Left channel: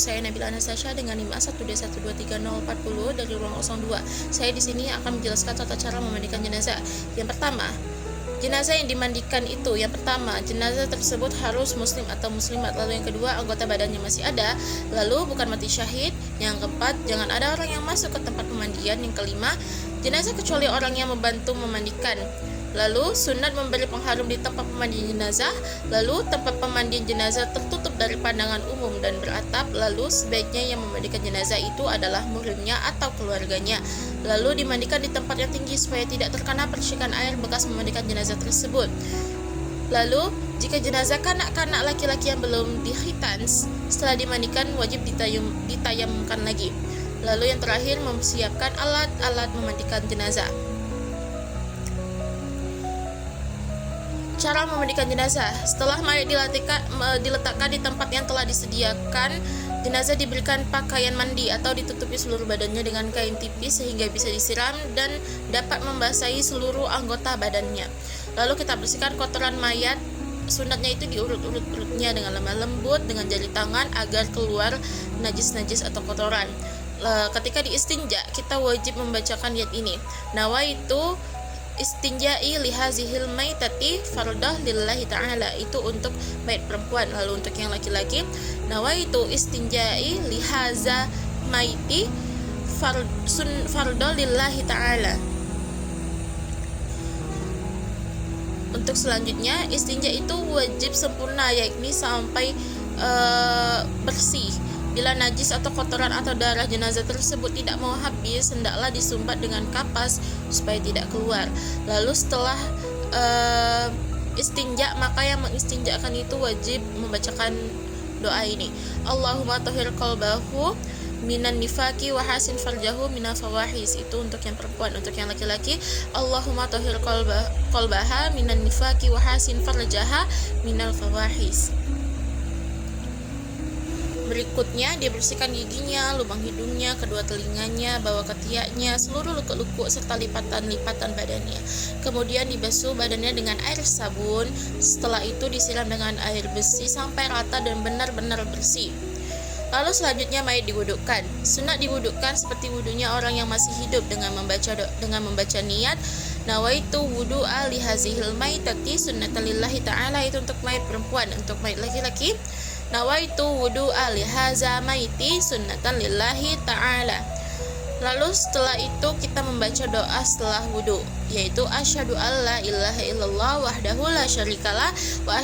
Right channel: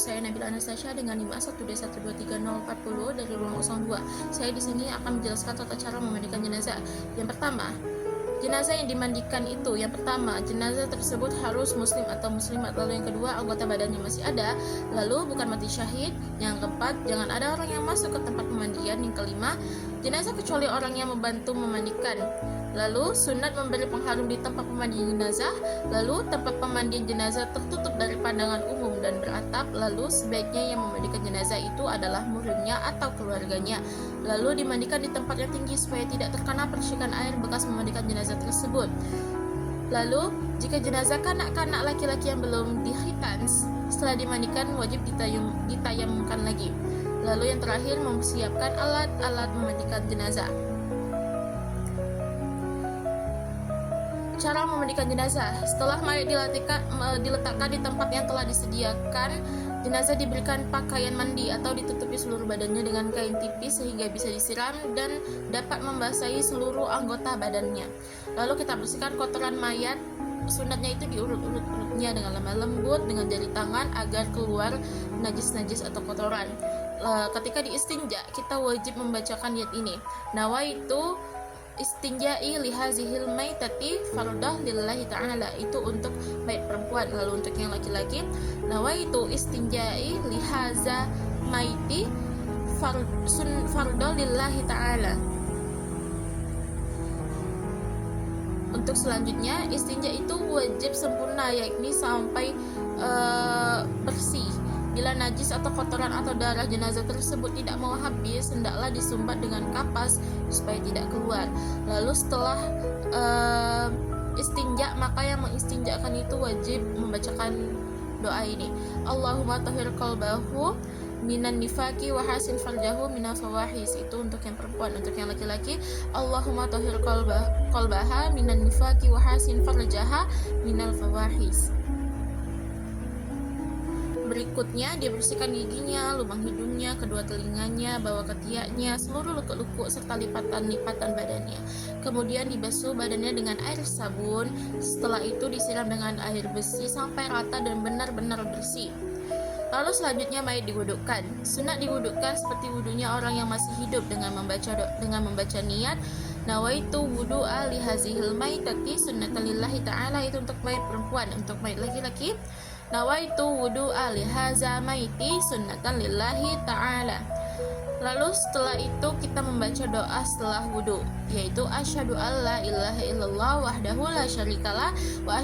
saya Nabila Anastasia dengan NIM A1D1230440 dari ruang 02. Saya di sini akan menjelaskan tata cara memandikan jenazah. Yang pertama, jenazah yang dimandikan itu, yang pertama, jenazah tersebut harus muslim atau muslimat. Lalu yang kedua, anggota badannya masih ada. Lalu bukan mati syahid. Yang keempat, jangan ada orang yang masuk ke tempat pemandian. Yang kelima, jenazah kecuali orang yang membantu memandikan. Lalu sunat memberi pengharum di tempat pemandian jenazah. Lalu tempat pemandian jenazah tertutup dari pandangan umum dan beratap. Lalu sebaiknya yang memandikan jenazah itu adalah muhrimnya atau keluarganya. Lalu dimandikan di tempat yang tinggi supaya tidak terkena percikan air bekas memandikan jenazah tersebut. Lalu jika jenazah kanak-kanak laki-laki yang belum dikhitan, setelah dimandikan wajib ditayamumkan lagi. Lalu yang terakhir, mempersiapkan alat-alat memandikan jenazah. Cara memandikan jenazah. Setelah mayat diletakkan di tempat yang telah disediakan, jenazah diberikan pakaian mandi atau ditutupi seluruh badannya dengan kain tipis sehingga bisa disiram dan dapat membasahi seluruh anggota badannya. Lalu kita bersihkan kotoran mayat. Sunatnya itu diurut-urut perutnya dengan lemah lembut dengan jari tangan agar keluar najis-najis atau kotoran. Ketika diistinja, kita wajib membacakan niat ini. Nawaitu istinja'i lihazihil maitati fardah lillahi ta'ala, itu untuk mayat perempuan. Lalu untuk yang laki-laki, nawaitu istinja'i lihaza maiti fardah lillahi ta'ala. Untuk selanjutnya, istinja itu wajib sempurna, yakni sampai bersih. Bila najis atau kotoran atau darah jenazah tersebut tidak mau habis, hendaklah disumbat dengan kapas supaya tidak keluar. Lalu setelah istinja, maka yang mengistinjakan itu wajib membacakan doa ini. Allahumma tahhir qalbahu minan nifaqi wa hasin farjahu minal fawahis, itu untuk yang perempuan. Untuk yang laki-laki, Allahumma tahhir qalbaha minan nifaqi wa hasin farjaha minal fawahis. Berikutnya, dia bersihkan giginya, lubang hidungnya, kedua telinganya, bawah ketiaknya, seluruh lukuk-lukuk serta lipatan-lipatan badannya. Kemudian dibasuh badannya dengan air sabun. Setelah itu disiram dengan air bersih sampai rata dan benar-benar bersih. Lalu selanjutnya mayat diwudukkan. Sunat diwudukkan seperti wudunya orang yang masih hidup dengan membaca niat nawaitu wudu'a lihazihil maitati sunnatan lillahi ta'ala, itu untuk mayat perempuan. Untuk mayat laki-laki, nawaitu wudu'a lihaza maiti sunnatan lillahi ta'ala. Lalu setelah itu kita membaca doa setelah wudu, yaitu asyhadu alla ilaha illallah wahdahu la syarikalah wa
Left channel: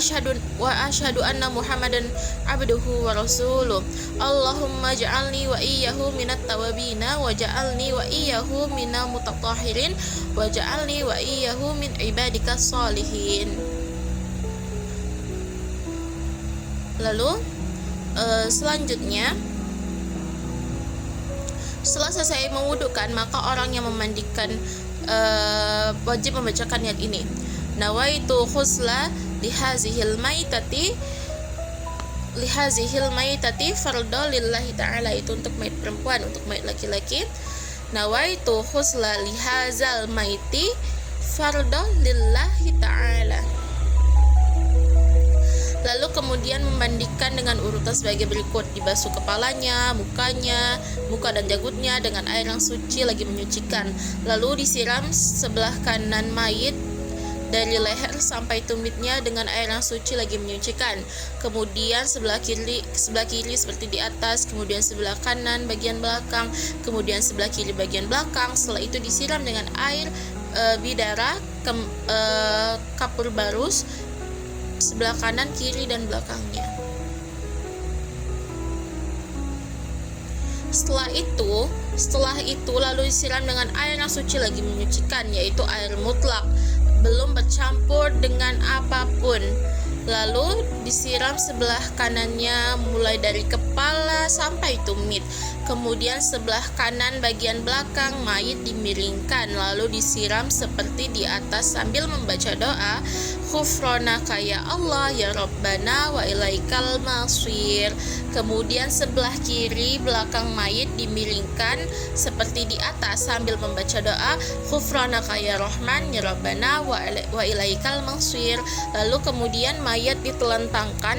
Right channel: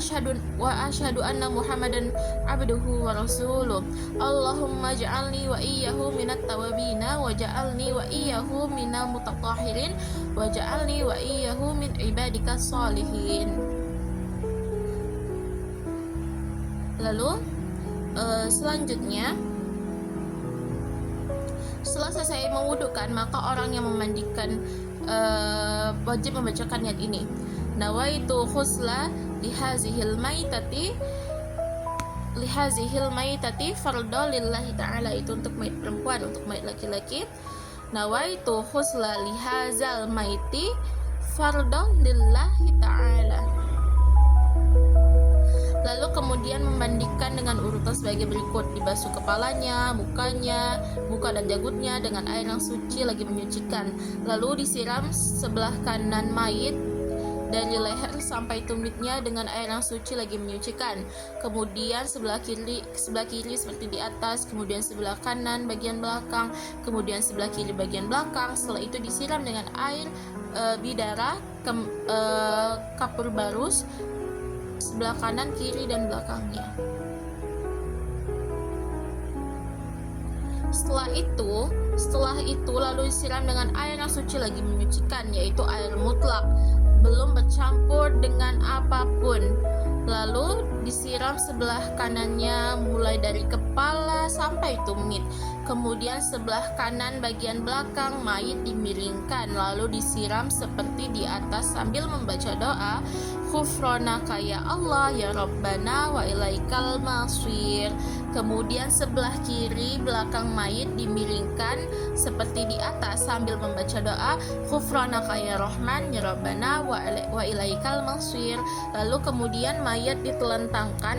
asyhadu anna muhammadan abduhu wa rasuluh. Allahumma ja'alni wa iyyahu minat tawabina wa ja'alni wa iyyahu minal mutatahhirin wa ja'alni wa iyyahu min ibadikas sholihin. Lalu selanjutnya, setelah selesai mewudukan, maka orang yang memandikan wajib membacakan niat ini. Nawaitu khusla lihazihil maitati fardhu lillahi ta'ala, itu untuk mayat perempuan. Untuk mayat laki-laki, nawaitu khusla lihazal maiti fardhu lillahi ta'ala. Lalu kemudian memandikan dengan urutan sebagai berikut. Dibasuh kepalanya, mukanya, muka dan janggutnya dengan air yang suci lagi menyucikan. Lalu disiram sebelah kanan mayit dari leher sampai tumitnya dengan air yang suci lagi menyucikan. Kemudian sebelah kiri seperti di atas, kemudian sebelah kanan bagian belakang, kemudian sebelah kiri bagian belakang. Setelah itu disiram dengan air bidara, kapur barus, sebelah kanan, kiri, dan belakangnya. Setelah itu lalu disiram dengan air yang suci lagi menyucikan, yaitu air mutlak, belum bercampur dengan apapun. Lalu disiram sebelah kanannya mulai dari kepala sampai tumit. Kemudian sebelah kanan bagian belakang mayit dimiringkan, lalu disiram seperti di atas sambil membaca doa, Ghufranaka ya Allah ya Rabbana wa ilaikal masir. Kemudian sebelah kiri belakang mayit dimiringkan seperti di atas sambil membaca doa, Ghufranaka ya Rahman ya Rabbana wa ilaikal masir. Lalu kemudian mayat ditelentangkan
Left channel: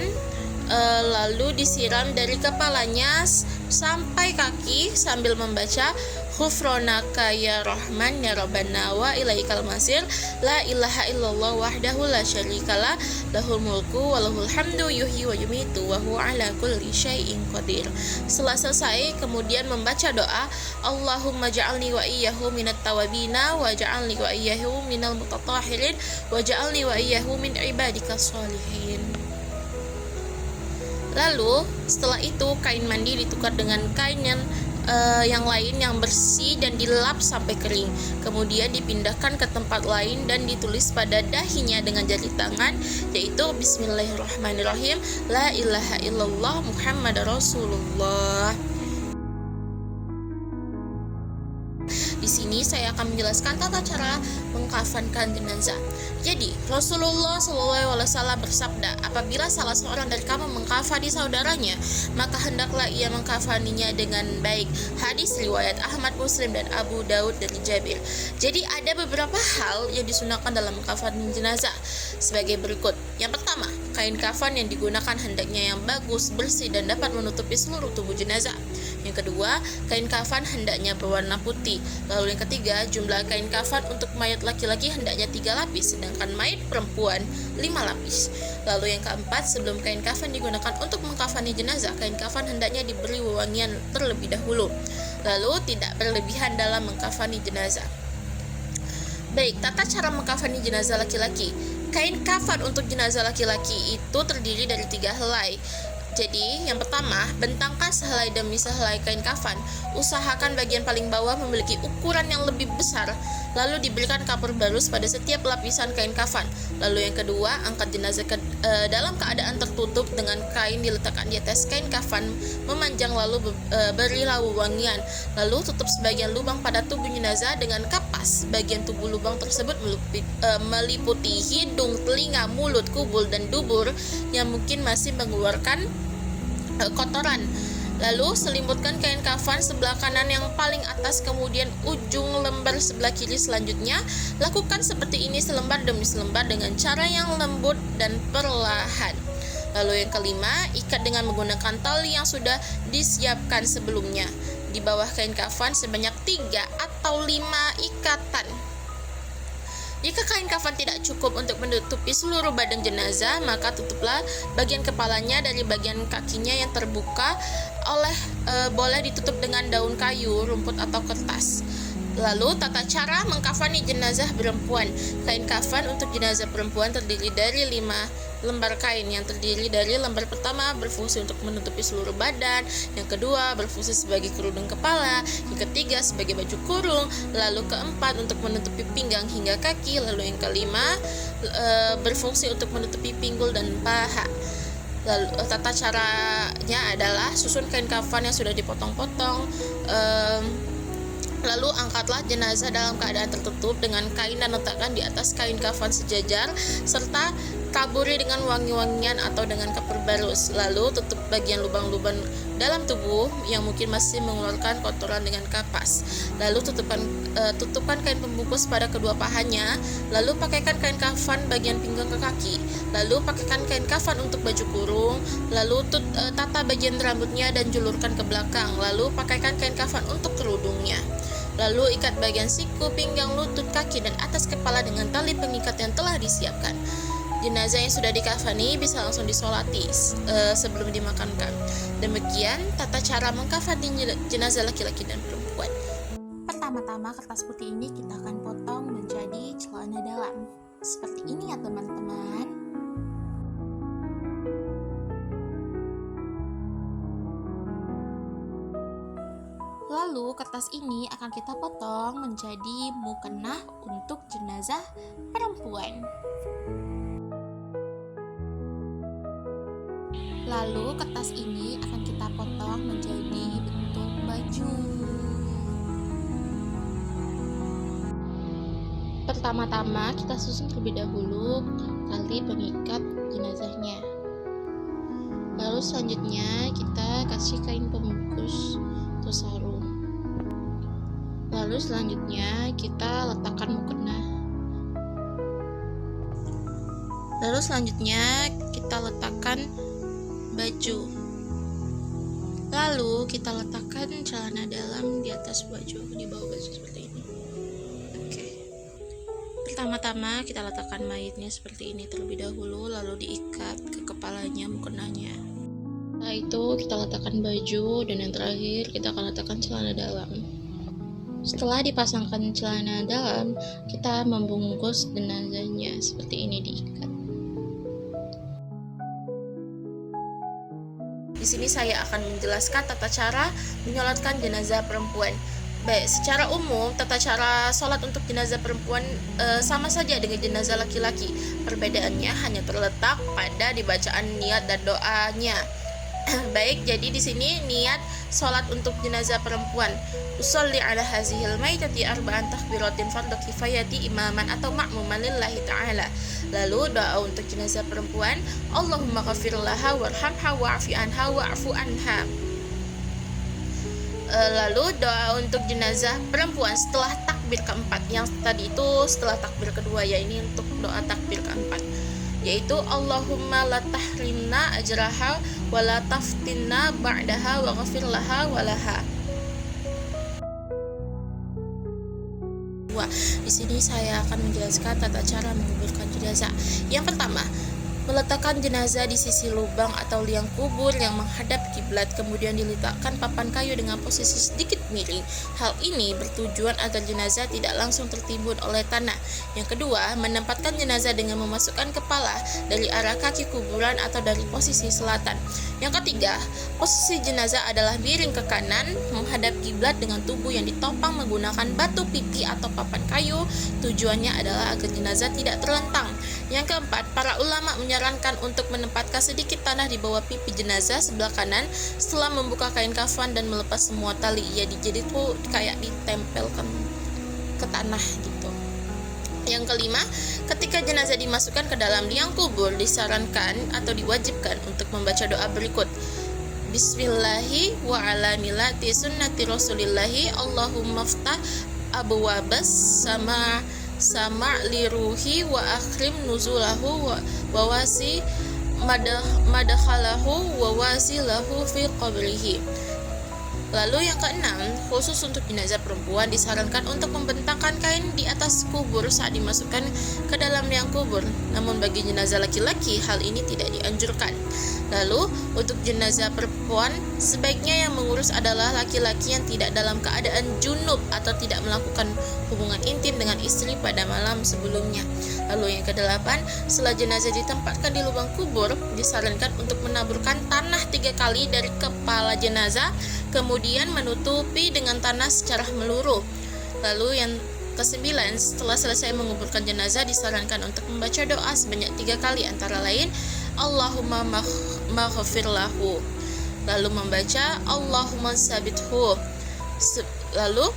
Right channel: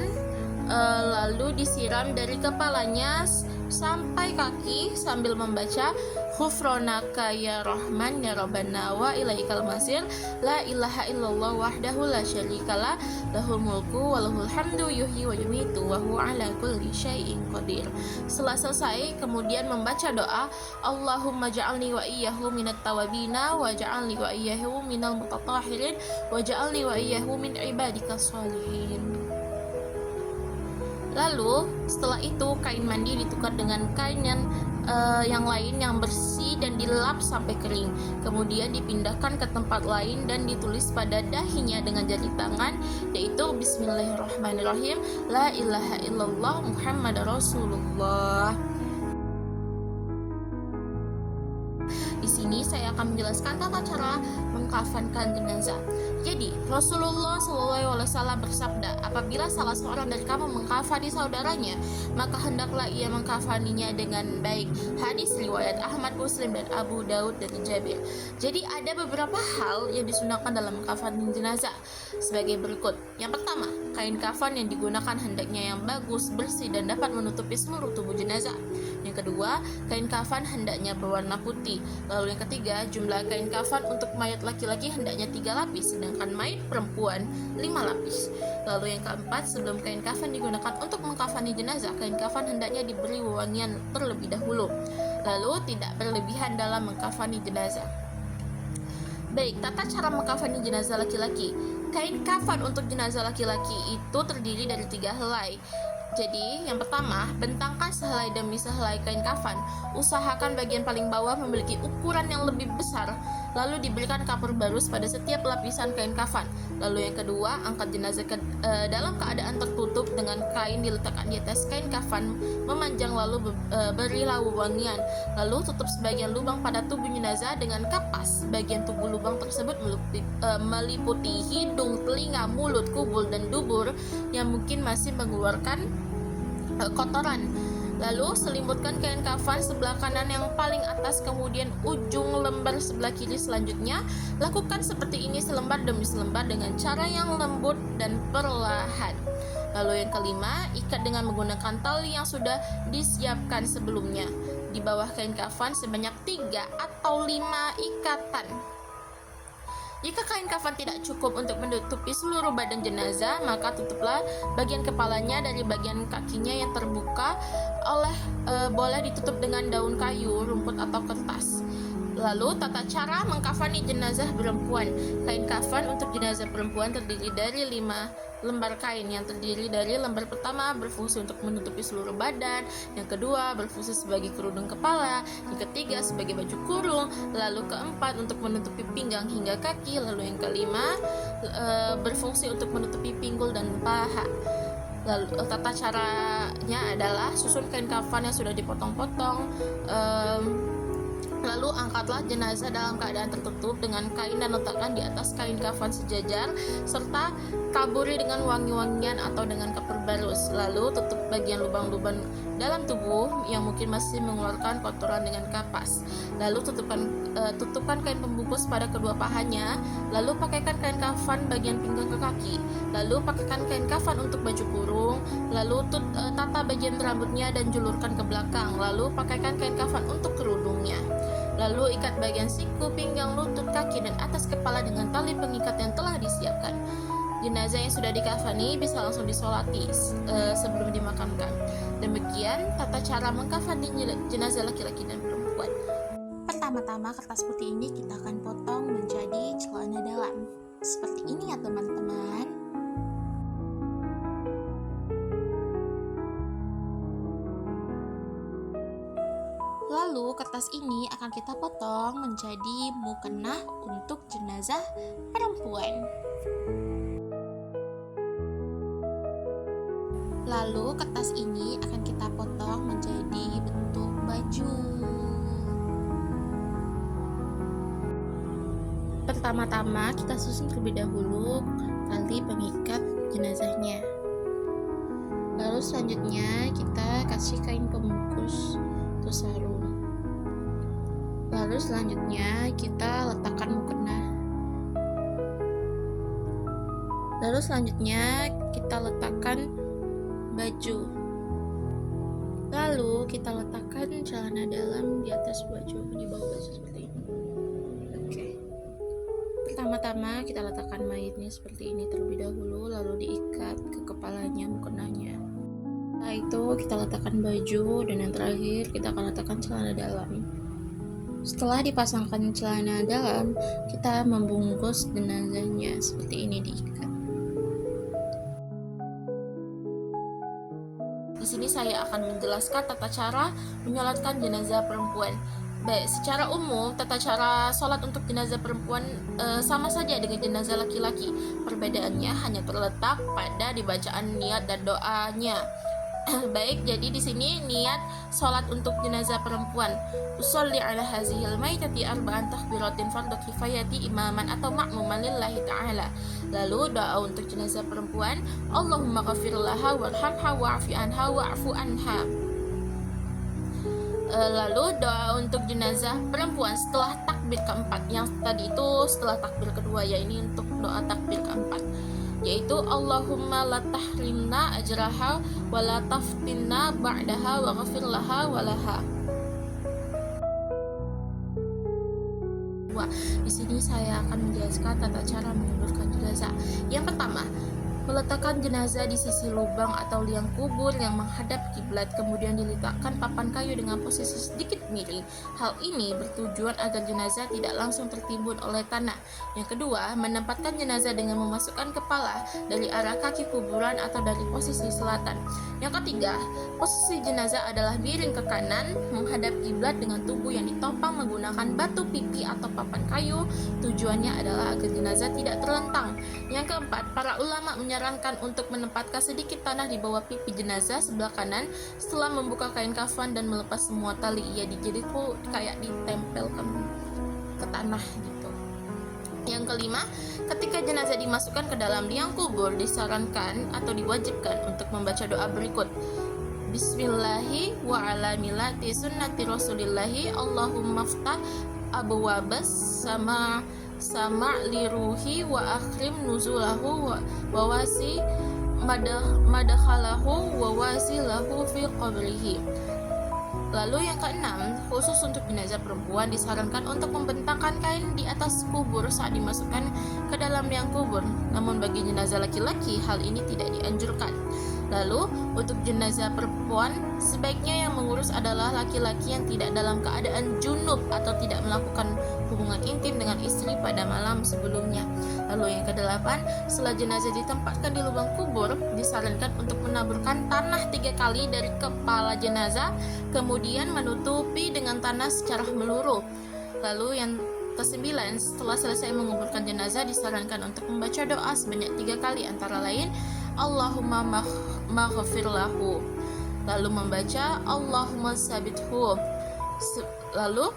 lalu disiram dari kepalanya sampai kaki sambil membaca Ghufronaka ya Rahman ya Rabbana wa ilaikal masir la ilaha illallah wahdahu la syarikalah lahul mulku wa lahul hamdu yuhyi wa yumitu wa huwa ala kulli syai'in qadir. Setelah selesai kemudian membaca doa Allahumma ja'alni wa iyyahu minat tawabina wa ja'alni wa iyyahu minal mutatahhirin wa ja'alni wa iyyahu min ibadikas sholihin. Lalu setelah itu kain mandi ditukar dengan kain yang lain yang bersih dan dilap sampai kering. Kemudian dipindahkan ke tempat lain dan ditulis pada dahinya dengan jari tangan, yaitu Bismillahirrahmanirrahim, La ilaha illallah Muhammad Rasulullah. Di sini saya akan menjelaskan tata cara mengkafankan jenazah. Jadi Rasulullah SAW bersabda, apabila salah seorang dari kamu mengkafani saudaranya, maka hendaklah ia mengkafaninya dengan baik. Hadis riwayat Ahmad, Muslim, dan Abu Daud dari Jabir. Jadi ada beberapa hal yang disunahkan dalam mengkafani jenazah sebagai berikut. Yang pertama, kain kafan yang digunakan hendaknya yang bagus, bersih, dan dapat menutupi seluruh tubuh jenazah. Yang kedua, kain kafan hendaknya berwarna putih. Lalu yang ketiga, jumlah kain kafan untuk mayat laki-laki hendaknya 3 lapis, sedangkan mayat perempuan 5 lapis. Lalu yang keempat, sebelum kain kafan digunakan untuk mengkafani jenazah, kain kafan hendaknya diberi wewangian terlebih dahulu. Lalu tidak berlebihan dalam mengkafani jenazah. Baik, tata cara mengkafani jenazah laki-laki. Kain kafan untuk jenazah laki-laki itu terdiri dari 3 helai. Jadi, yang pertama, bentangkan sehelai demi sehelai kain kafan. Usahakan bagian paling bawah memiliki ukuran yang lebih besar, lalu diberikan kapur barus pada setiap lapisan kain kafan. Lalu yang kedua, angkat jenazah dalam keadaan tertutup dengan kain diletakkan di atas kain kafan memanjang, lalu berilah wewangian. Lalu tutup sebagian lubang pada tubuh jenazah dengan kapas. Bagian tubuh lubang tersebut meliputi hidung, telinga, mulut, kubul, dan dubur yang mungkin masih mengeluarkan kotoran. Lalu selimutkan kain kafan sebelah kanan yang paling atas, kemudian ujung lembar sebelah kiri selanjutnya. Lakukan seperti ini selembar demi selembar dengan cara yang lembut dan perlahan. Lalu yang kelima, ikat dengan menggunakan tali yang sudah disiapkan sebelumnya. Di bawah kain kafan sebanyak 3 atau 5 ikatan. Jika kain kafan tidak cukup untuk menutupi seluruh badan jenazah, maka tutuplah bagian kepalanya dari bagian kakinya yang terbuka boleh ditutup dengan daun kayu, rumput, atau kertas. Lalu tata cara mengkafani jenazah perempuan. Kain kafan untuk jenazah perempuan terdiri dari 5 lembar kain. Yang terdiri dari lembar pertama berfungsi untuk menutupi seluruh badan, yang kedua berfungsi sebagai kerudung kepala, yang ketiga sebagai baju kurung, lalu keempat untuk menutupi pinggang hingga kaki, lalu yang kelima berfungsi untuk menutupi pinggul dan paha. Lalu tata caranya adalah susun kain kafan yang sudah dipotong-potong. Lalu angkatlah jenazah dalam keadaan tertutup dengan kain dan letakkan di atas kain kafan sejajar, serta taburi dengan wangi-wangian atau dengan kapur barus. Lalu tutup bagian lubang-lubang dalam tubuh yang mungkin masih mengeluarkan kotoran dengan kapas. Lalu tutupkan kain pembungkus pada kedua pahanya. Lalu pakaikan kain kafan bagian pinggang ke kaki. Lalu pakaikan kain kafan untuk baju kurung. Lalu tata bagian rambutnya dan julurkan ke belakang. Lalu pakaikan kain kafan untuk kerudungnya. Lalu ikat bagian siku, pinggang, lutut, kaki, dan atas kepala dengan tali pengikat yang telah disiapkan. Jenazah yang sudah dikafani bisa langsung disolati sebelum dimakamkan. Demikian tata cara mengkafani jenazah laki-laki dan perempuan. Pertama-tama kertas putih ini kita akan potong menjadi celana dalam. Seperti ini ya teman-teman. Lalu kertas ini akan kita potong menjadi mukena untuk jenazah perempuan. Lalu kertas ini akan kita potong menjadi bentuk baju. Pertama-tama kita susun terlebih dahulu tali pengikat jenazahnya. Lalu selanjutnya kita kasih kain pembungkus atau sarung. Lalu selanjutnya kita letakkan mukena. Lalu selanjutnya kita letakkan Pertama-tama kita letakkan mayitnya seperti ini terlebih dahulu, lalu diikat ke kepalanya, mukenanya. Setelah itu kita letakkan baju, dan yang terakhir kita akan letakkan celana dalam. Setelah dipasangkan celana dalam, kita membungkus jenazahnya seperti ini, diikat. Di sini saya akan menjelaskan tata cara menyolatkan jenazah perempuan. Baik, secara umum tata cara sholat untuk jenazah perempuan sama saja dengan jenazah laki-laki. Perbedaannya hanya terletak pada dibacaan niat dan doanya. Baik, jadi di sini niat sholat untuk jenazah perempuan. Usolli ala hazihil maitati arba'an takbiratin fardhu kifayati imaman atau ma'muman lillahi ta'ala. Lalu doa untuk jenazah perempuan, Allahumma ghafir laha warhamha wa'fi anha wa'fu anha. Lalu doa untuk jenazah perempuan setelah takbir keempat. Yang tadi itu setelah takbir kedua, ya ini untuk doa takbir keempat, yaitu Allahumma la tahrimna ajraha wa la taftinna ba'daha wa ghafir laha wa laha. Di sini saya akan menjelaskan tata cara menguburkan jenazah. Yang pertama, meletakkan jenazah di sisi lubang atau liang kubur yang menghadap kiblat, kemudian diletakkan papan kayu dengan posisi sedikit miring. Hal ini bertujuan agar jenazah tidak langsung tertimbun oleh tanah. Yang kedua, menempatkan jenazah dengan memasukkan kepala dari arah kaki kuburan atau dari posisi selatan. Yang ketiga, posisi jenazah adalah miring ke kanan menghadap kiblat dengan tubuh yang ditopang menggunakan batu pipi atau papan kayu. Tujuannya adalah agar jenazah tidak terlentang. Yang keempat, para ulama menyarankan untuk menempatkan sedikit tanah di bawah pipi jenazah sebelah kanan. Setelah membuka kain kafan dan melepas semua tali, jadi tuh kayak ditempelkan ke tanah gitu. Yang kelima, ketika jenazah dimasukkan ke dalam liang kubur, disarankan atau diwajibkan untuk membaca doa berikut. Bismillahi wa ala milati sunnati rasulillahi Allahumma ftah abwabas sama liruhi wa akhrim nuzulahu wa wasi madakhalahu wa wasilahu fi qabrihi. Lalu yang keenam, khusus untuk jenazah perempuan disarankan untuk membentangkan kain di atas kubur saat dimasukkan ke dalam liang kubur. Namun bagi jenazah laki-laki hal ini tidak dianjurkan. Lalu untuk jenazah perempuan sebaiknya yang mengurus adalah laki-laki yang tidak dalam keadaan junub atau tidak melakukan hubungan intim dengan istri pada malam sebelumnya. Lalu yang kedelapan, setelah jenazah ditempatkan di lubang kubur, disarankan untuk menaburkan tanah 3 kali dari kepala jenazah, kemudian menutupi dengan tanah secara meluruh. Lalu yang kesembilan, setelah selesai menguburkan jenazah, disarankan untuk membaca doa sebanyak 3 kali, antara lain Allahumma maghfir lahu, lalu membaca Allahumma sabithu. Lalu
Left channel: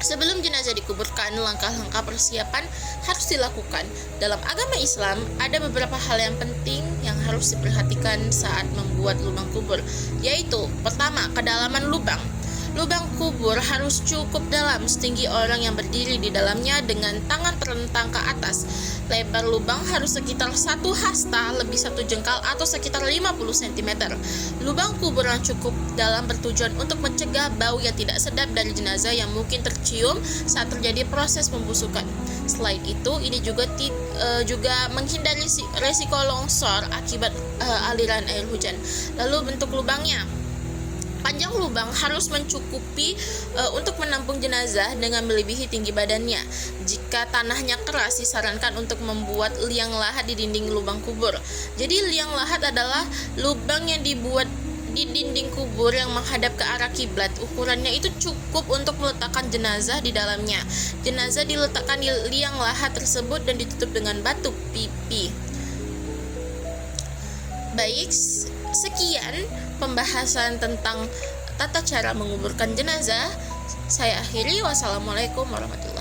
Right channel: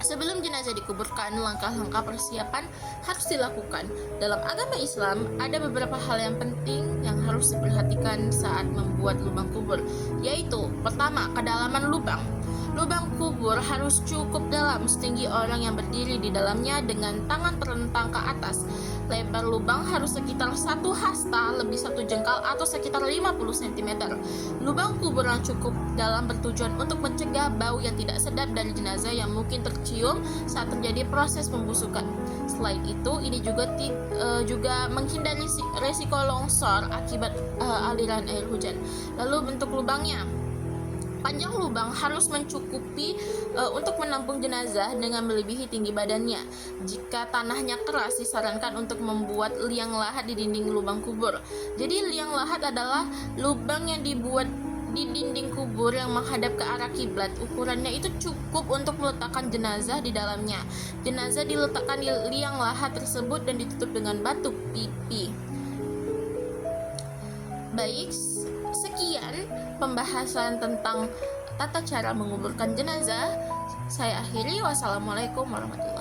sebelum jenazah dikuburkan, langkah-langkah persiapan harus dilakukan. Dalam agama Islam, ada beberapa hal yang penting yang harus diperhatikan saat membuat lubang kubur, yaitu pertama, kedalaman lubang. Lubang kubur harus cukup dalam, setinggi orang yang berdiri di dalamnya dengan tangan terentang ke atas. Lebar lubang harus sekitar 1 hasta, lebih 1 jengkal atau sekitar 50 cm. Lubang kubur yang cukup dalam bertujuan untuk mencegah bau yang tidak sedap dari jenazah yang mungkin tercium saat terjadi proses pembusukan. Selain itu, ini juga menghindari resiko longsor akibat aliran air hujan. Lalu bentuk lubangnya, panjang lubang harus mencukupi untuk menampung jenazah dengan melebihi tinggi badannya. Jika tanahnya keras, disarankan untuk membuat liang lahat di dinding lubang kubur. Jadi liang lahat adalah lubang yang dibuat di dinding kubur yang menghadap ke arah kiblat. Ukurannya itu cukup untuk meletakkan jenazah di dalamnya. Jenazah diletakkan di liang lahat tersebut dan ditutup dengan batu pipi. Baik, sekian pembahasan tentang tata cara menguburkan jenazah. Saya akhiri. Wassalamualaikum warahmatullahi wabarakatuh.